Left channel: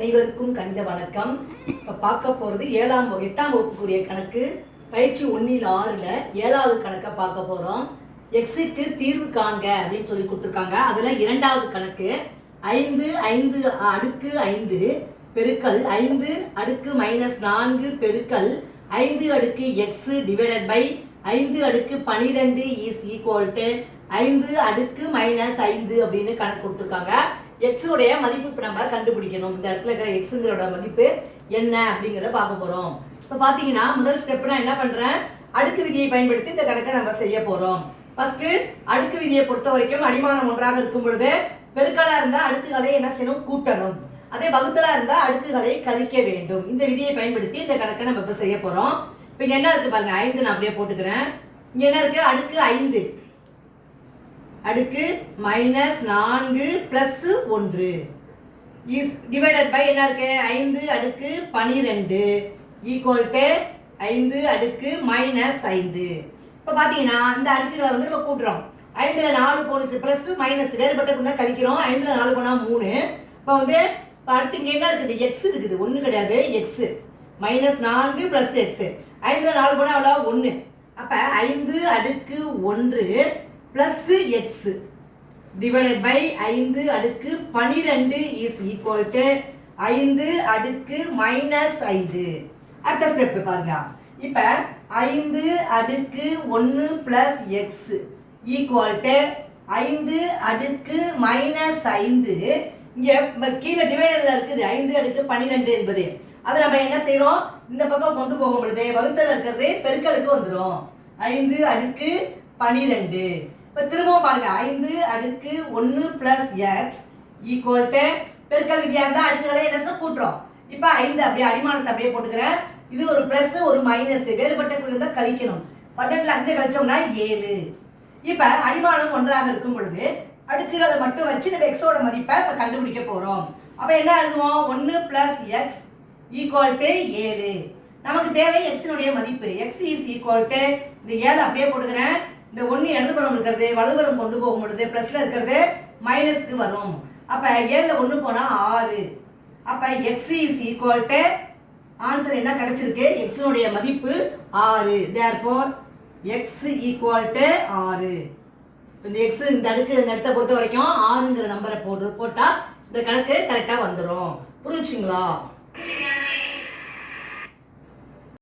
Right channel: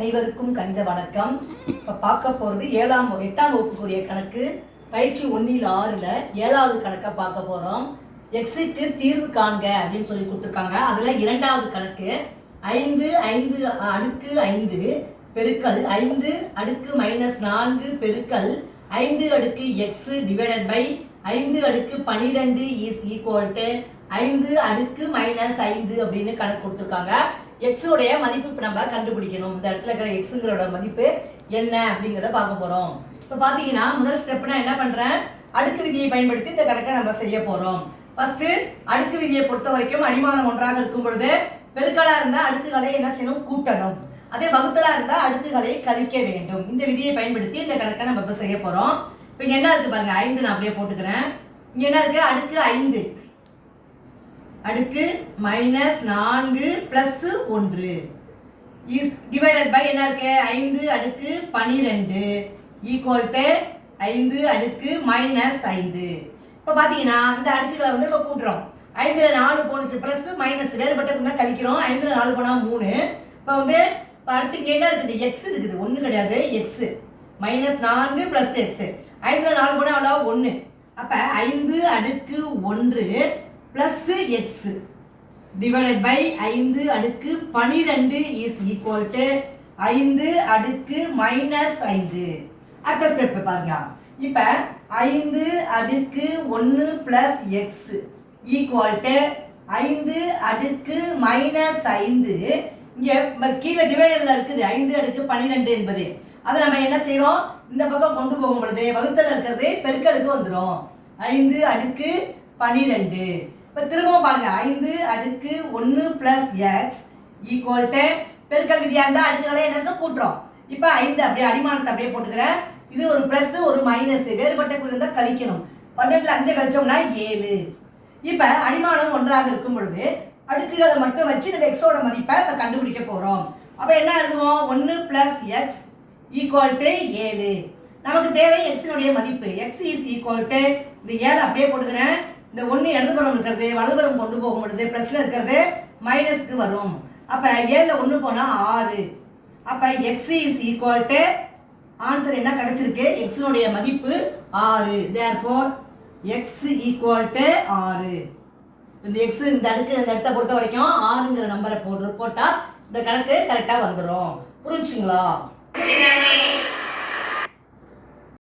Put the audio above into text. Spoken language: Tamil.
அனைவருக்கும் கணித வணக்கம். இப்போ பார்க்க போகிறது 8ஆம் வகுப்புக்குரிய கணக்கு பயிற்சி 1/6ல் 7வது கணக்கை பார்க்க போகிறோம். எக்ஸுக்கு தீர்வு காண்க அப்படின்னு சொல்லி கொடுத்துருக்காங்க. அதில் 2வது கணக்கு 5 அடுக்கு 5 பெருக்கல் 5 அடுக்கு -4 பெருக்கல் 5 அடுக்கு எக்ஸ் டிவைடட் பை 5 அடுக்கு 12 இஸ் ஈக்குவல் டு 5 அடுக்கு -5 அப்படின்னு கணக்கு கொடுத்துருக்காங்க. எக்ஸ் உடைய மதிப்பு இப்போ நம்ம கண்டுபிடிக்கணும். இந்த இடத்துல இருக்கிற எக்ஸுங்கிறோட மதிப்பு என்ன அப்படிங்கிறத பார்க்க போகிறோம். இப்போ பார்த்தீங்கன்னா முதல் ஸ்டெப்னா என்ன பண்ணுறேன், அடுக்கு விதியை பயன்படுத்தி இந்த கணக்கை நம்ம செய்ய போகிறோம். ஃபர்ஸ்ட் அடுக்கு விதியை பொறுத்த வரைக்கும் அடிமானம் ஒன்றாக இருக்கும் பொழுது பெருக்கலா இருந்தால் அடுக்குகளை என்ன செய்யணும், கூட்டணும். அதே வகுத்தலா இருந்தால் அடுக்குகளை கழிக்க வேண்டும். இந்த விதியை பயன்படுத்தி இந்த கணக்கை நம்ம இப்போ செய்ய போகிறோம். இப்போ இங்கே என்ன இருக்கு பாருங்க, 5 நான் அப்படியே போட்டுக்கிறேன். இங்கே என்ன இருக்கு, அடுக்கு 5 அடுக்கு -4 + 1 இஸ் டிவைடட் பை என்ன இருக்கு, 5 அடுக்கு 12 ஈக்குவல் டு 5 அடுக்கு -5. இப்போ பார்த்தீங்கன்னா இந்த அடுக்குகளை வந்து இப்போ கூட்டுறோம். 5ல் 4 போனுச்சு, ப்ளஸ் மைனஸ் வேறுபட்ட கழிக்கிறோம். 5ல் 4 போனால் 3. இப்போ வந்து இப்போ அடுத்து என்ன இருக்குது, எக்ஸ் இருக்குது, ஒன்றும் கிடையாது, எக்ஸ் -4 + எக்ஸ். 5ல் 4 போனால் அவ்வளோ 1. அப்போ 5 அடுக்கு 1 + எக்ஸ் டிவைடட் பை 5 அடுக்கு 12 இஸ் ஈக்குவல் டு 5 அடுக்கு -5. அடுத்த ஸ்டெப் பாருங்க. இப்போ 5 அடுக்கு 1 + எக்ஸ் ஈக்குவல் டு 5 அடுக்கு -5. இங்கே கீழே டிவைடரில் இருக்குது 5 அடுக்கு 12 என்பது. அதை நம்ம என்ன செய்யறோம், இந்த பக்கம் கொண்டு போகும் பொழுது வகுத்தல் இருக்கிறது பெருக்கலுக்கு வந்துடும். 5 அடுக்கு 12. இப்போ திரும்பவும் பாருங்க, 5 அடுக்கு 1 + எக்ஸ் ஈக்குவல் டு பெருக்கல் விதியாக இருந்தால் அடுக்குகளை என்ன கூட்டுறோம். இப்போ 5 அப்படியே அடிமானத்தை அப்படியே போட்டுக்கிறேன். இது ஒரு ப்ளஸ் ஒரு மைனஸ் வேறுபட்ட குறிந்தால் கழிக்கணும். 12ல் 5 கழிச்சோம்னா 7. இப்போ அடிமானம் ஒன்றாக இருக்கும் பொழுது அடுக்குகளை மட்டும் வச்சு நம்ம எக்ஸோட மதிப்பை இப்போ கண்டுபிடிக்க போகிறோம். அப்போ என்ன எழுதுவோம், 1 + எக்ஸ் ஈக்குவல் டு 7. நமக்கு தேவை எக்ஸினுடைய மதிப்பு. எக்ஸ் இஸ் ஈக்குவல் டு இந்த 7 அப்படியே போட்டுக்கிறேன். இந்த 1 இடதுபுறம் இருக்கிறது வலதுபுறம் கொண்டு போகும் பொழுது ப்ளஸ்ல இருக்கிறது மைனஸ்க்கு வரும். அப்போ 7ல் 1 போனால் 6. அப்போ X is equal to answer என்ன கிடைச்சிருக்கு, எக்ஸினுடைய மதிப்பு 6. Therefore X equal to 6. இந்த எக்ஸ் இந்த அடுத்த பொறுத்த வரைக்கும் 6ங்கிற நம்பரை போட்டால் இந்த கணக்கு கரெக்டாக வந்துடும். புரிஞ்சுங்களா?